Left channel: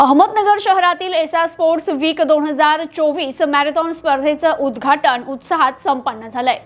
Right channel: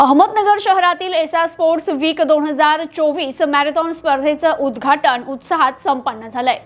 अहमदनगर शहरातील एसा sports weak दोन हजार चोवीस मॅरेथॉन स्पर्धेचं उद्घाटन उत्साहात संपन्न झालंय.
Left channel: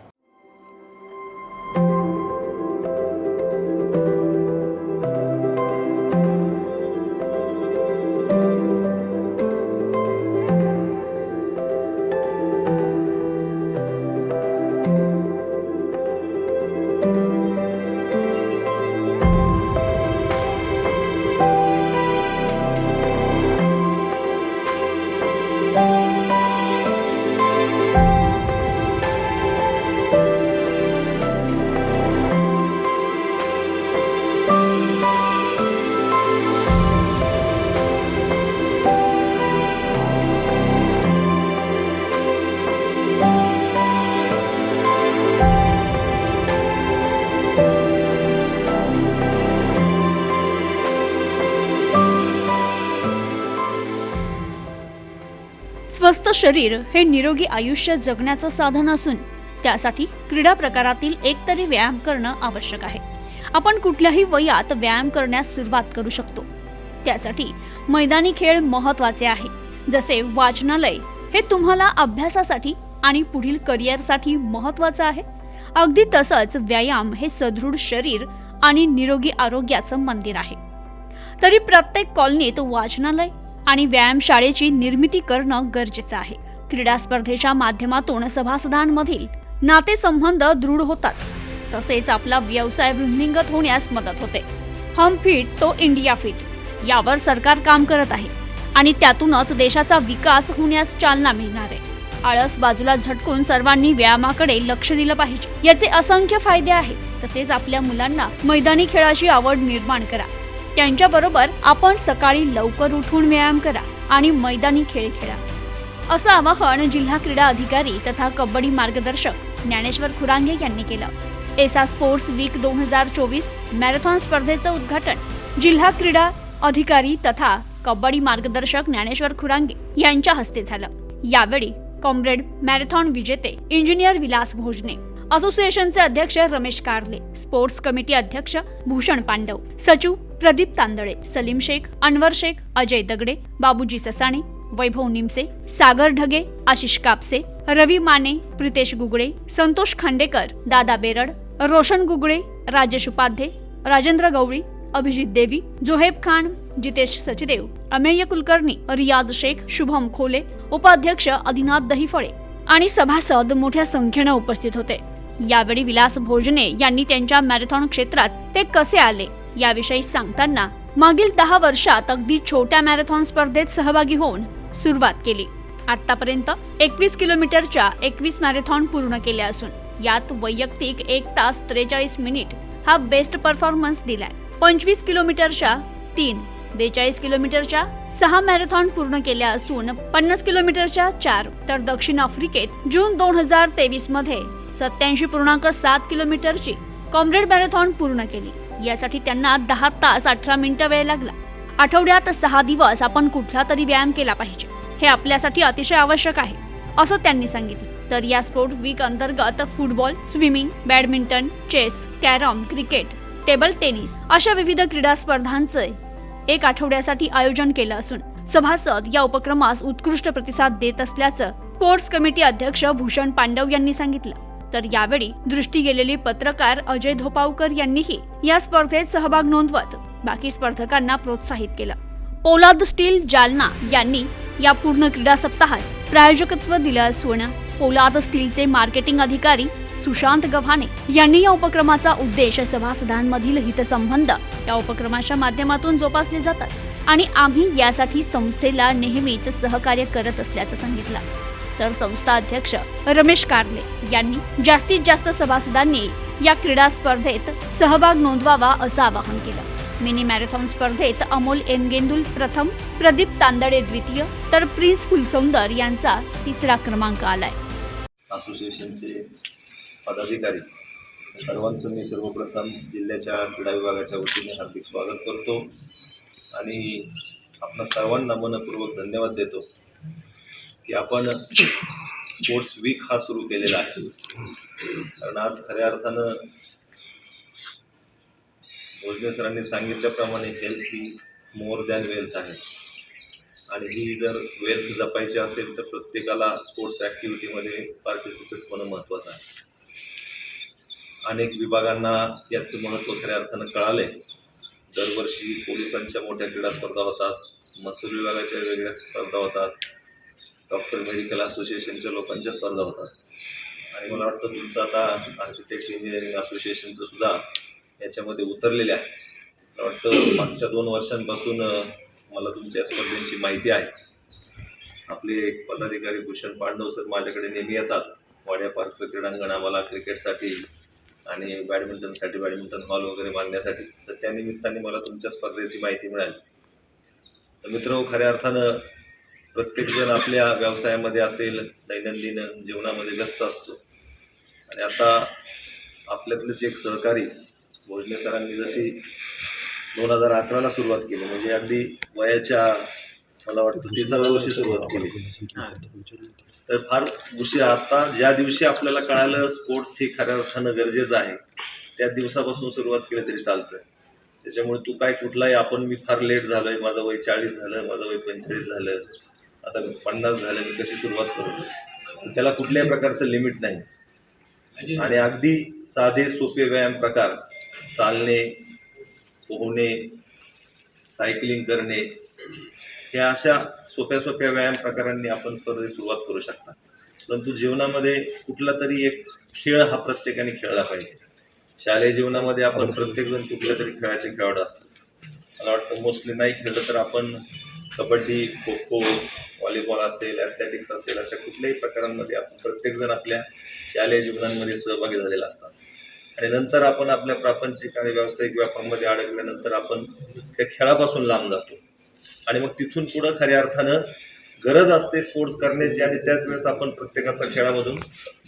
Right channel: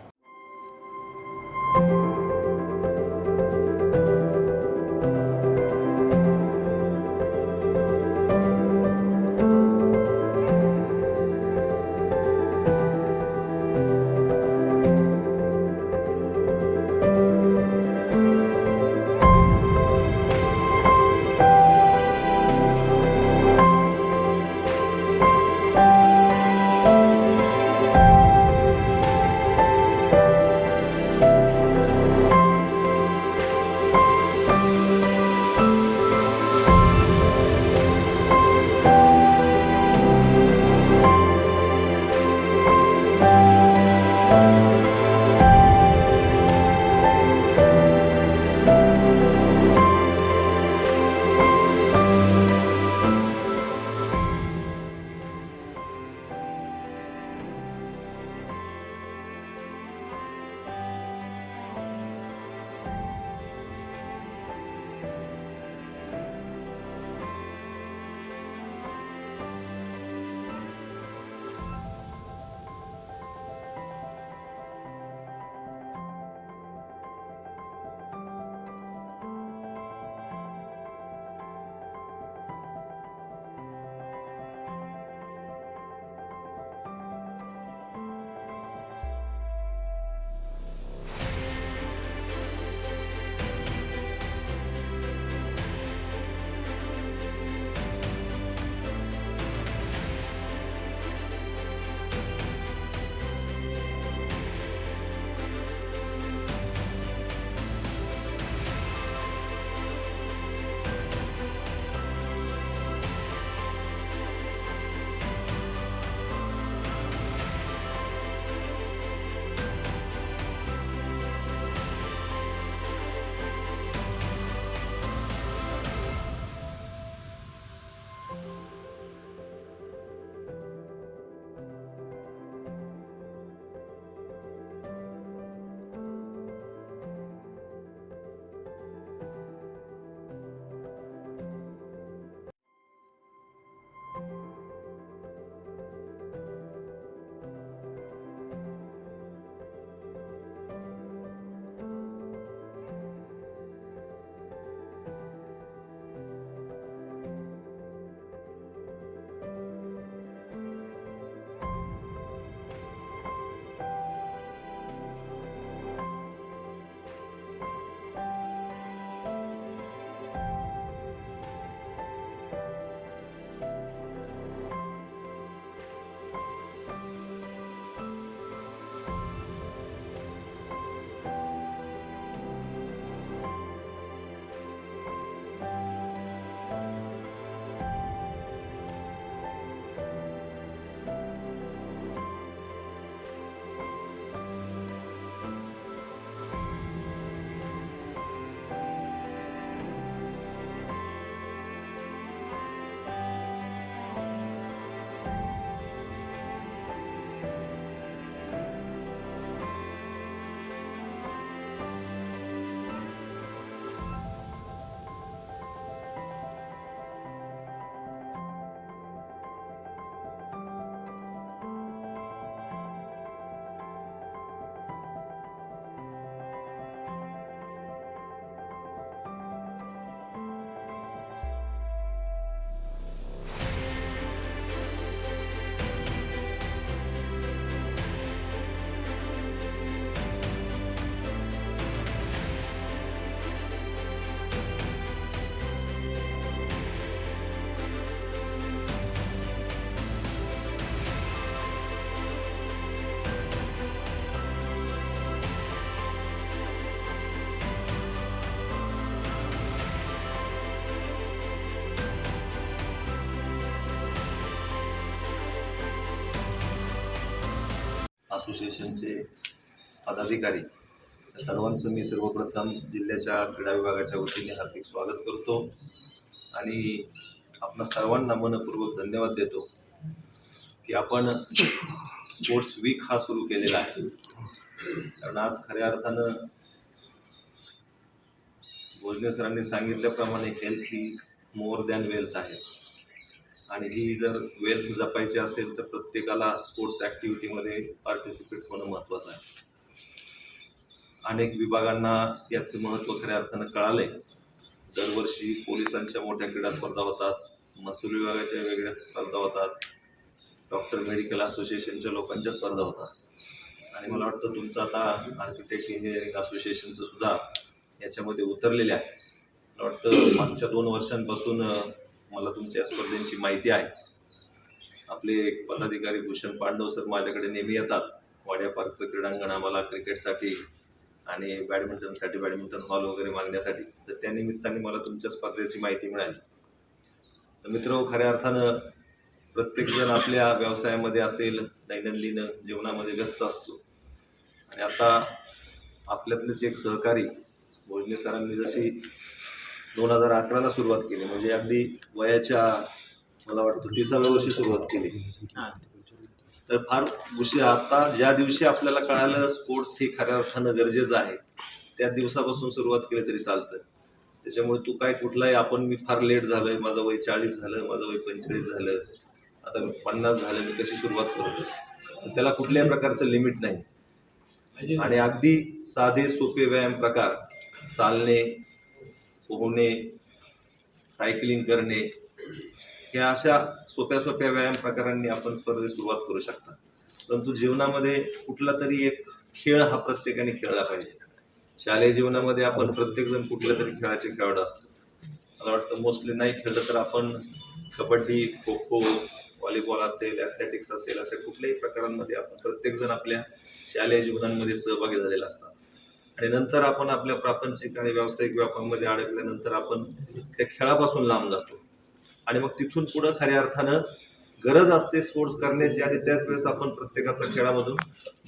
स्वस्थ शरीर हे निरोगी आयुष्य जगण्याचं साधन असून त्यासाठी क्रीडा प्रकारातील एक तरी व्यायाम करणं आवश्यक आहे. आपण कुठल्याही वयात व्यायाम करण्यास सुरुवात करू शकतो. त्यासाठी मैदानी खेळ महत्त्वाचे आहे. जसे वाचनालय हे तुम्हाला अभ्यासासाठी आणि पुढील करिअरसाठी महत्वाचं आहे. अगदी तसंच व्यायाम हे सदृढ शरीर आणि निरोगी आरोग्याचं मंदिर आहे. तरी प्रत्येक कॉलनीत वाचनालय आणि व्यायामशाळेची निर्मिती करणं गरजेचं आहे. क्रीडा स्पर्धेच्या माध्यमातून सभासदांमधील नातेसंबंध दृढ होतात. तसेच आपला व्यवसाय वृद्धिंगत होण्यास मदत होते. हम फिट तो इंडिया फिट यावर सरकार काम करत आहे आणि त्यातूनच देशाचा विकास होण्यास चालना मिळणार आहे. आळस बाजूला झटकून सर्वांनी व्यायामाकडे लक्ष दिलं पाहिजे. याचे असंख्य फायदे आहेत. तसेच आपल्या मुलांना मैदानी खेळाची आवड निर्माण करा. त्यांच्याबरोबर आपण सकाळी लवकर उठून व्यायाम करा आणि मैदानी खेळ खेळा. असं आवाहन जिल्हा क्रीडा अधिकारी तथा कबड्डी मार्गदर्शक ज्ञानेश्वर खुरांगे यांनी केलं. एसा स्पोर्ट्स वीक दोन हजार चोवीस मॅरेथॉन स्पर्धेचं उद्घाटन जिल्हा क्रीडा अधिकारी तथा कबड्डी मार्गदर्शक ज्ञानेश्वर खुरांगे यांच्या हस्ते झालं. यावेळी कॉम्रेड मॅरेथॉन विजेते इंजिनियर विलास भोजने असोसिएशनचे अध्यक्ष रमेश कारले स्पोर्ट्स कमिटी अध्यक्ष भूषण पांडव सचिव प्रदीप तांदळे सलीम शेख अनवर शेख अजय दगडे बाबूजी ससाणे वैभव निमसे सागर ढगे आशिष कापसे रवी माने प्रितेश गुगळे संतोष खांडेकर दादा बेरड रोशन गुगळे राजेश उपाध्ये राजेंद्र गवळी अभिजित देवी जोहेब खान जितेश सचदेव अमेय कुलकर्णी रियाज शेख शुभम खोले उपाध्यक्ष आदिनाथ दहिफळे आणि सभासद मोठ्या संख्येनं उपस्थित होते. यावेळी विलास भोजने यांनी त्यांच्या मॅरेथॉन क्षेत्रात ते कसे आले? याविषयी सांगताना मागील दहा वर्षात अगदी छोट्या मॅरेथॉन स्पर्धेत सहभागी होऊन सुरुवात केली. आतापर्यंत एकवीस किलोमीटरच्या एकवीस मॅरेथॉन पूर्ण केल्या असून यात वैयक्तिक एक तास त्रेचाळीस मिनिट हा बेस्ट परफॉर्मन्स दिलाय. पंचवीस किलोमीटरच्या तीन बेचाळीस किलोमीटरच्या सहा मॅरेथॉन पूर्ण केल्या असून पन्नास किलोमीटरच्या चार तर दक्षिण आफ्रिकेत जून दोन हजार तेवीसमध्ये सत्याऐंशी पूर्णांक सात किलोमीटरची कॉम्रेड मॅरेथॉन पूर्ण केली. यासाठी त्यांना दहा तास अठरा मिनिटं वेळ लागला. आठवड्यात सहा दिवस आपण कुठला तरी व्यायाम केला पाहिजे. हे आपल्यासाठी अतिशय आवश्यक आहे असं त्यांनी सांगितलं. तर या स्पोर्ट वीक अंतर्गत football swimming badminton chess carrom cricket table tennis अशा विविध क्रीडा स्पर्धांचे एक आठवड्यासाठी आयोजन केलं असून सभासद या उपक्रमास उत्कृष्ट प्रतिसाद देत असल्याचं स्पोर्ट्स कमिटी अध्यक्ष भूषण पांडव यांनी सांगितलं. तर यावेळी दृष्टी गेलेले पत्रकार अजय धोपावकर यांनीही या स्पर्धेत सहभाग नोंदवत बाकी स्पर्धकांना प्रोत्साहित केलं. पोलाद स्टील जालना यांनी या पूर्ण क्रीडा सप्ताहास प्रायोजकत्व दिलं असून पोलाद स्टीलचे मार्केटिंग अधिकारी सुशांत गव्हाणे यांनी या उपक्रमाचा उद्देश सभासदांमधील हितसंबंध या उपक्रमाच्या माध्यमातून जोपासले जातात आणि आम्ही यासाठी संस्थेला नेहमीच सहकार्य करत असल्याचं सांगितलं. तर संस्था अध्यक्ष रमेश कारले यांनी जास्तीत जास्त सभासदांनी या क्रीडा स्पर्धेत सहभाग नोंदवावा असं आवाहन केलं. मिनी मॅरेथॉन स्पर्धेत अमोल एनगेंदुल प्रथम प्रदीप तांदडे द्वितीय तर प्रिन्स फुलसौंदर यांचा तिसरा क्रमांक आलाय. असोसिएशनचे पदाधिकारी सर्वांचं मी सर्वप्रथम जिल्ह्याच्या क्रीडा विभागाच्या वतीने हार्दिक स्वागत करतो आणि आपणा सर्वांना मनपूर्वक धन्यवाद देतो. की आपण स्पोर्ट्स वीक हा सुरू केलेला आहे. कारण आज खऱ्या अर्थानं भोजने सरांनी सांगितल्याप्रमाणे हेल्थ ही मोर दॅन वेल्थ आहे. आणि ही जर वेल्थ जपायची असेल तर प्रत्येकाला स्पोर्ट्स ॲक्टिव्हिटीमध्ये पार्टिसिपेट होणं महत्त्वाचं आहे. अनेक विभागांना याचं महत्त्व खऱ्या अर्थानं कळालंय. दरवर्षी पोलिसांच्या मोठ्या क्रीडा स्पर्धा होतात महसूल विभागाच्या वेगळ्या स्पर्धा होतात. डॉक्टर मेडिकल असोसिएशनच्या लोकांच्या स्पर्धा होतात. आणि मला वाटतं तुमचं आता आर्किटेक्ट इंजिनिअरिंग असोसिएशनचं सुद्धा याच्यामध्ये उतरलेले आहे. मला वाटतं मागच्या दोन वर्षांपासून मला तुमच्या स्पर्धेची माहिती आहे. आपले एक पदाधिकारी भूषण पांडव सर माझ्याकडे नेहमी येतात. वाड्या पार्कचं क्रीडांगण आम्हाला क्रिकेटसाठी आणि बॅडमिंटनसाठी बॅडमिंटन हॉल वगैरे बांधण्यासाठी. तर त्या निमित्ताने मला तुमच्या स्पर्धेची माहिती मिळाली. तर मित्र खऱ्या अर्थानं प्रत्येकजण आपल्या व्यवसायामध्ये असेल दैनंदिन जीवनामध्ये व्यस्त असतो. आणि आता आपल्यातलेच एक सहकारी भोजने सरांनी जशी दोन हजार अकराला सुरुवात केली म्हणजे अगदी वयाच्या मला वाटतं तिसाव्या वर्षी सुरुवात केली. तर फार उशीर आता ज्या दिवशी आपल्याला कळालं स्पोर्ट्स हे खऱ्या अर्थानं गरजेचं आहे त्या दिवसापासून सुरुवात केली तरी चालतं त्याच्यामुळे तू काय कुठलाही आपण मी फार लेट झालोय माझं वय चाळीस झालं माझं वय पंचेचाळीस झालं आता पन्नास झाले मी कशी सुरुवात करतो त्याला कुठल्याही प्रकारचं लिमिट नाही. आणि अगदी साधे सोपे व्यायाम प्रकार चालणे पोहणे सायकलिंग करणे या अशा सोप्या सोप्या व्यायाम प्रकारांनी आपण स्पर्धेत सुरुवात करू शकता. परंतु जीवनामध्ये कुठला तरी एक खेळ हा प्रत्येकाने खेळला पाहिजे. शालेय जीवनामध्ये आपण प्रत्येकजण कुठल्या तरी खेळाचे खेळाडू असतो. मला वाटतं मोस्टली नाही खेळलं तर आपण कबड्डी खो खो व्हॉलीबॉल असेल ॲथलेटिक्स असेल अशा कुठल्याही प्रकारांमध्ये आपण प्रत्येकजण आपल्या शालेय जीवनांमध्ये सहभागी झालेला असतात. आणि नंतर आपण आपल्या प्रापंचिक आणि व्यावसायिक व्यापारामध्ये अडकल्यानंतर आपण त्या खेळापासून लांब जातो. आणि मग तिथून पुढं खऱ्या अर्थानं गरज असते स्पोर्ट्स करण्याची आणि त्याच वेळेस आपण प्रत्येकाचा खेळामधून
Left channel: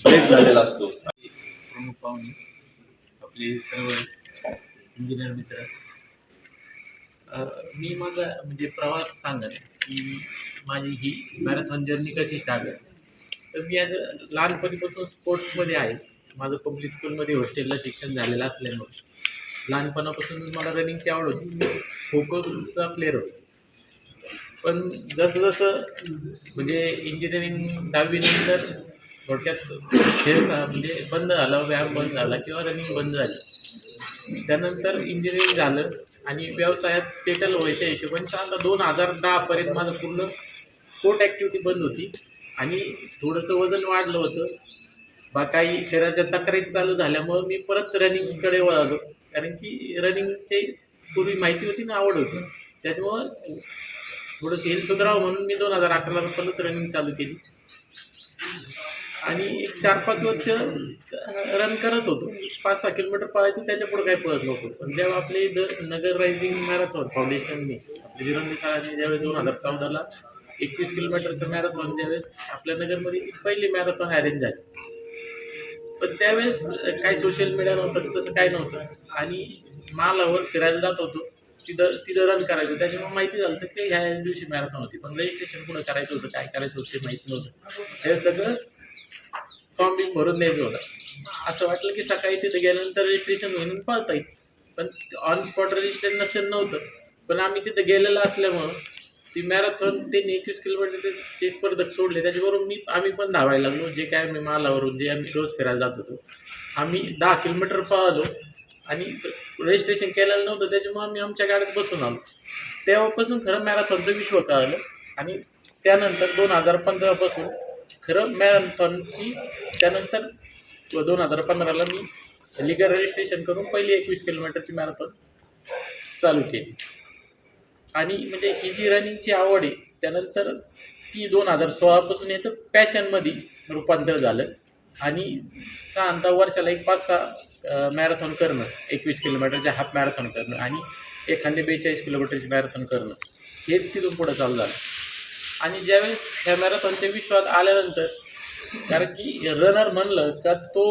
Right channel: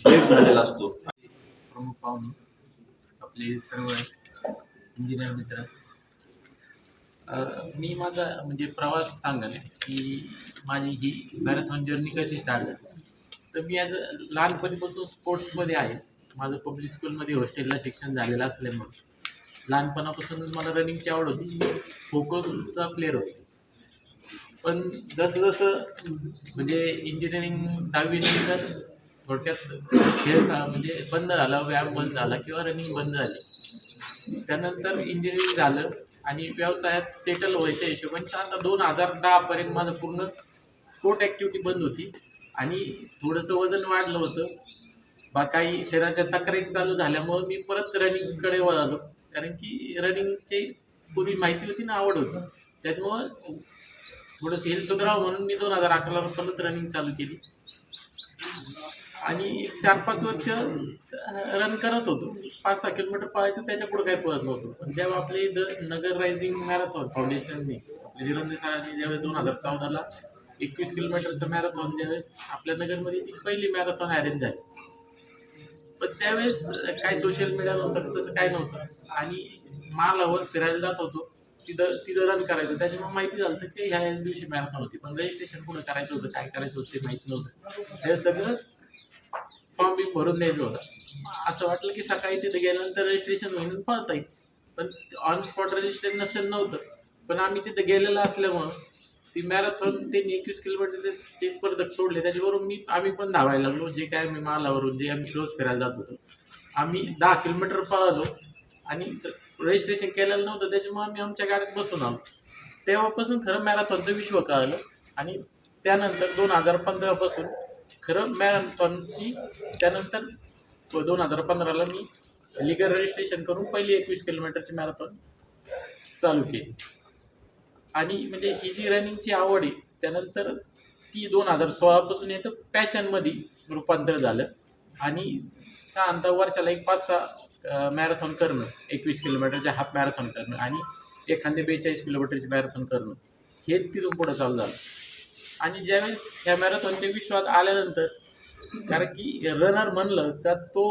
ब्रेक झालेला असतो. प्रमुख पाहुणे आपले सर्व इंजिनियर मित्र मी माझा म्हणजे प्रवास सांगेन की माझी ही मॅरेथॉन जर्नी कशी स्टार्ट झाली. तर मी आज लहानपणीपासून स्पोर्ट्समध्ये आहे. माझं पब्लिक स्कूलमध्ये हॉस्टेलला शिक्षण झालेलं असल्यामुळे. लहानपणापासून मला रनिंगची आवड होती. मी खोखोचा प्लेअर होतो. पण जसं जसं म्हणजे इंजिनिअरिंग दहावीनंतर थोडक्यात खेळ म्हणजे बंद झाला व्यायाम बंद झाला किंवा रनिंग बंद झाली. त्यानंतर इंजिनिअरिंग झालं. आणि व्यवसायात सेटल व्हायच्या हिशोबाने साधारण दोन हजार दहापर्यंत माझं पूर्ण स्पोर्ट ॲक्टिव्हिटी बंद होती. आणि थोडंसं वजन वाढलं होतं. बा काही शरीराच्या तक्रारी चालू झाल्यामुळं मी परत रनिंगकडे वळालो. कारण की रनिंगची पूर्वी माहिती होती ना आवड होती. त्याच्यामुळं थोडंसं हेल्थ सुधारावं म्हणून मी दोन हजार अकराला परत रनिंग चालू केली. आणि एक चार पाच वर्ष रन करत होतो. पाच सहा किलोमीटर पळायचं त्याच्या पुढे काही पळत नव्हतो. पण जेव्हा आपले इथं नगर रायझिंग मॅरेथॉन फाउंडेशनने आपले विरंदे सरांनी ज्यावेळेस दोन हजार चौदाला एकवीस किलोमीटरचं मॅरेथॉन ज्यावेळेस आपल्या नगरमध्ये पहिली मॅरेथॉन अरेंज झाली. पण त्यावेळेस काय सोशल मीडिया नव्हतं तसं काही नव्हतं. आणि मालावर फिरायला जात होतो. तिथं तिथं रन करायचं. त्याच्यामुळे माहिती झालं तर की ह्या दिवशी मॅरेथॉन होती. पण रजिस्ट्रेशन कुठं करायचं होतं काय करायचं होतं ते माहिती नव्हतं. हे सगळं फॉर्म बिम भरून द्यायचं होता. असं वाटलं की सकाळी तिथे गेल्यानंतर रजिस्ट्रेशन होऊन पळता येईल. पण ऑन स्पॉट रजिस्ट्रेशन नव्हतं. पण आम्ही तिथे गेलेलं असल्यामुळं ती मॅरेथॉन त्यांनी एकवीस किलोमीटर ते स्पर्धक सोडले. त्याच्याबरोबर मी आम्ही पण धावायला लागलो. जे काय आम्ही मालावरून जे आम्ही रोज फिरायला जात होतो आम्ही दहा किलोमीटर पळालो आणि रजिस्ट्रेशन केलेलं नव्हतं. त्याच्यामुळे आम्ही आमच्या गाडीत बसून आलो. तेव्हापासून खरं मॅरेथॉनचं विश्व कळलं आणि त्यानंतर दोन हजार पंधरापासून खरं मॅरेथॉनची त्यानंतर दोन हजार पंधराला मी लिगर रजिस्ट्रेशन करून पहिली एकवीस किलोमीटरची मॅरेथॉन चालू केली. आणि म्हणजे ही जी रनिंगची आवड आहे त्यानंतर ती दोन हजार सोळापासून येतं पॅशनमध्ये रूपांतर झालं. आणि साधारणतः वर्षाला एक पाच सहा मॅरेथॉन करणं एकवीस किलोमीटरचे हाफ मॅरेथॉन करणं आणि एखादे बेचाळीस किलोमीटरची मॅरेथॉन करणं हे तिथून पुढं चालू झालं. आणि ज्यावेळेस ह्या मॅरेथॉनच्या विश्वात आल्यानंतर कारण की रनर म्हणलं तर तो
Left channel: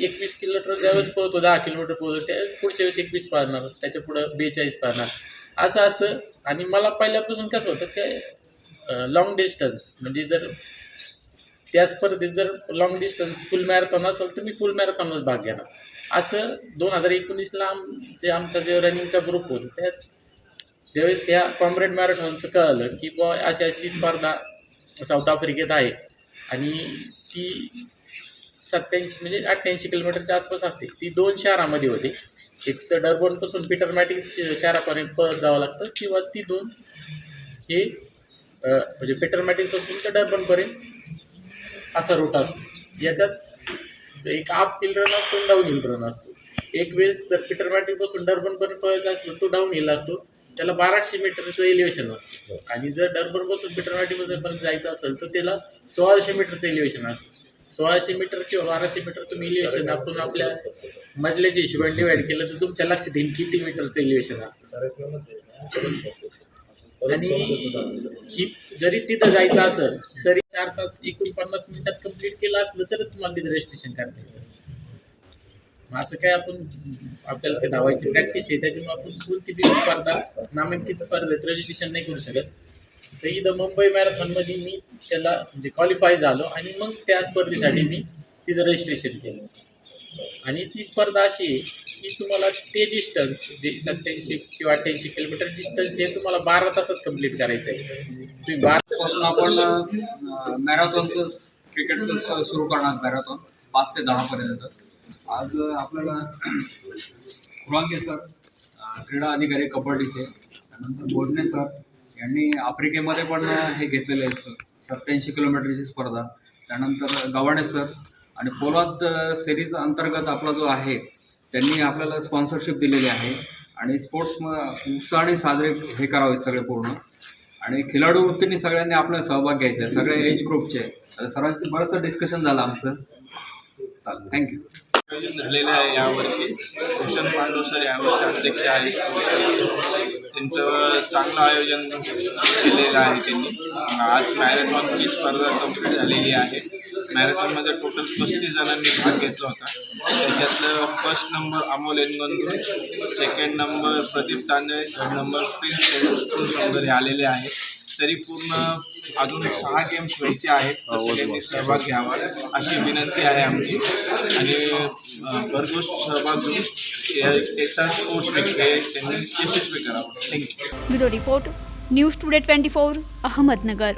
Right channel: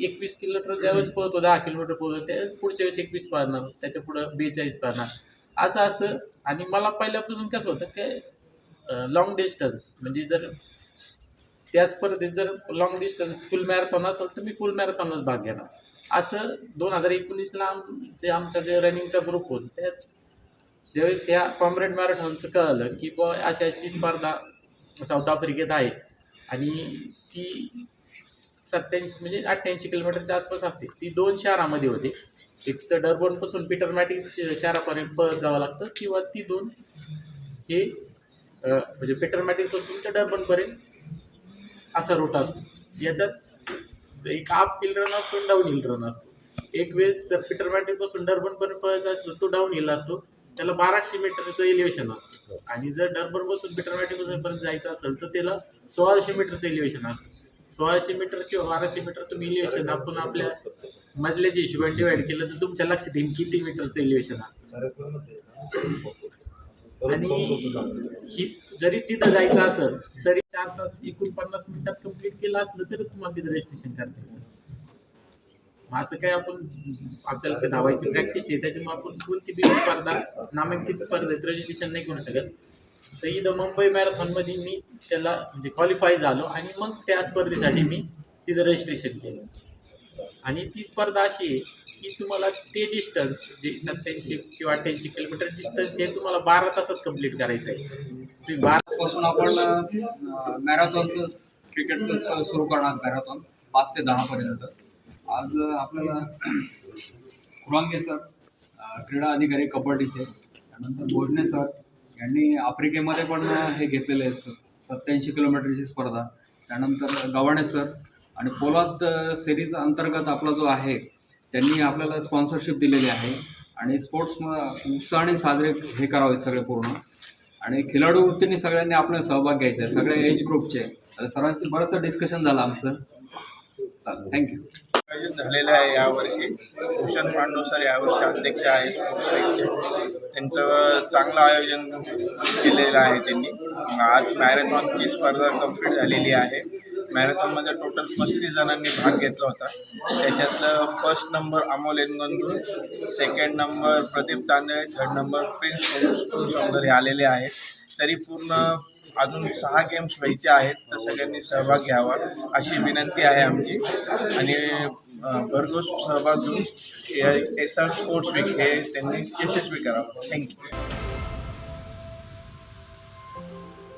एकवीस किलोमीटर ज्यावेळेस पळतो दहा किलोमीटर पळतो त्यावेळेस पुढच्या वेळेस एकवीस पाळणार त्याच्या पुढं बेचाळीस पाळणार. असं असं. आणि मला पहिल्यापासून कसं होतं की लॉंग डिस्टन्स म्हणजे जर त्या स्पर्धेत जर लॉंग डिस्टन्स फुल मॅरेथॉन असेल तर मी फुल मॅरेथॉनच भाग घेणार. असं दोन हजार एकोणीसला आम जे आमचा जे रनिंगचा ग्रुप होता त्यात ज्यावेळेस ह्या कॉम्रेड मॅरेथॉनचं कळलं की बुवा अशी अशी स्पर्धा साऊथ आफ्रिकेत आहे. आणि ती सत्याऐंशी म्हणजे अठ्ठ्याऐंशी किलोमीटरच्या आसपास असते. ती दोन शहरामध्ये होते. एक तर डरबनपासून पीटर मॅटिक शहरापर्यंत पळत जावं लागतं किंवा ती दोन हे म्हणजे पीटर मॅटिकपासून तर डरबनपर्यंत असा रूट असतो. याच्यात एक आप हिल रन असतो डाऊन हिल रन असतो. एक वेळेस जर पीटर मॅटिकपासून डरबनपर्यंत पळायचा असतो तो डाऊन हिल असतो. त्याला बाराशे मीटरचं एलिव्हेशन असतं. आणि जर डरबनपासून पीटर मॅटिसपर्यंत जायचं असेल तर त्याला सोळाशे मीटरचं एलिव्हेशन असतं. सोळाशे मीटर किंवा बाराशे मीटर तुम्ही इलिव्हेशन आपण आपल्या मजल्याच्या हिशोबाने डिवाईड केलं तर तुमच्या लक्षात येईल किती मीटरचं इलिव्हेशन असतं. आणि ही जरी तिथं जायचं असेल तरी चार तास एकोणपन्नास मिनिटात कंप्लीट केलं असलं तर तुम्हाला तिथं रजिस्ट्रेशन करता मग असं काय आपण आपल्याला ते धावायची प्रॅक्टिस आहे. त्याच्यामुळे आपण कोणती बी स्पर्धा नामांकित स्पर्धेत रजिस्ट्रेशन नाही करू शकत. तर इथं मुंबई मॅरेथॉनमध्ये मी त्याला म्हणजे क्वालिफाय झालो आणि मग त्या स्पर्धेसाठी मी तिथं रजिस्ट्रेशन केलं. आणि ती स्पर्धा अशी आहे की तुम्हाला ते डिस्टन्स जे सत्याऐंशी किंवा अठ्ठ्याऐंशी किलोमीटर डिस्टन्स हे तुम्हाला बारा तासात कंप्लीट करायचं आहे. तुम्ही बारा पासून आपण मॅरेथॉनचं क्रिकेटचं सुरू करणार मॅरेथॉन पाच ते दहापर्यंत आज आपल्याला खुरांगे सर क्रीडा अधिकारी कबड्डीचे त्यानंतर बोडणे सर यांनी आफ्रिकेमध्ये पण हे घेतलेले आहे सर. सत्याऐंशी किलोमीटरची स्पर्धा. त्यानंतर गव्हाणे सर आणि पोलाद सिरीज अंतर्गत आपला जो आहे त्यांनी आपल्याला स्पॉन्सरशिप दिलेली आहे आणि स्पोर्ट्स उत्साहाने साजरे हे करावेत सगळे पूर्ण. आणि खिलाडू वृत्तीने सगळ्यांनी आपला सहभाग घ्यायचा आहे सगळ्या एज ग्रुपचे आता सर्वांचं बरंचसं डिस्कशन झालं आमचं. चालेल थँक्यू आयोजन झालेले आहे यावर्षी. भूषण पांडव सर यावर्षी अध्यक्ष आहे त्यांचं चांगलं आयोजन केलेलं आहे त्यांनी. आज मॅरेथॉनची स्पर्धा कंप्लीट झालेली आहे. मॅरेथॉनमध्ये टोटल पस्तीस जणांनी भाग घेतला होता. त्याच्यातलं first number Amol Engandur second number Pradeep Tandale third number Prince Sundar हे आलेले आहेत. तरी पूर्ण अजून सहा गेम्स व्हायचे आहेत तर सगळ्यांनी सहभाग घ्यावा अशी विनंती आहे आमची. आणि भरघोस सहभाग घेऊन एस आर स्पोर्ट्स वीक हे त्यांनी यशस्वी करावं. Thank you bureau report news today twenty four Ahmednagar.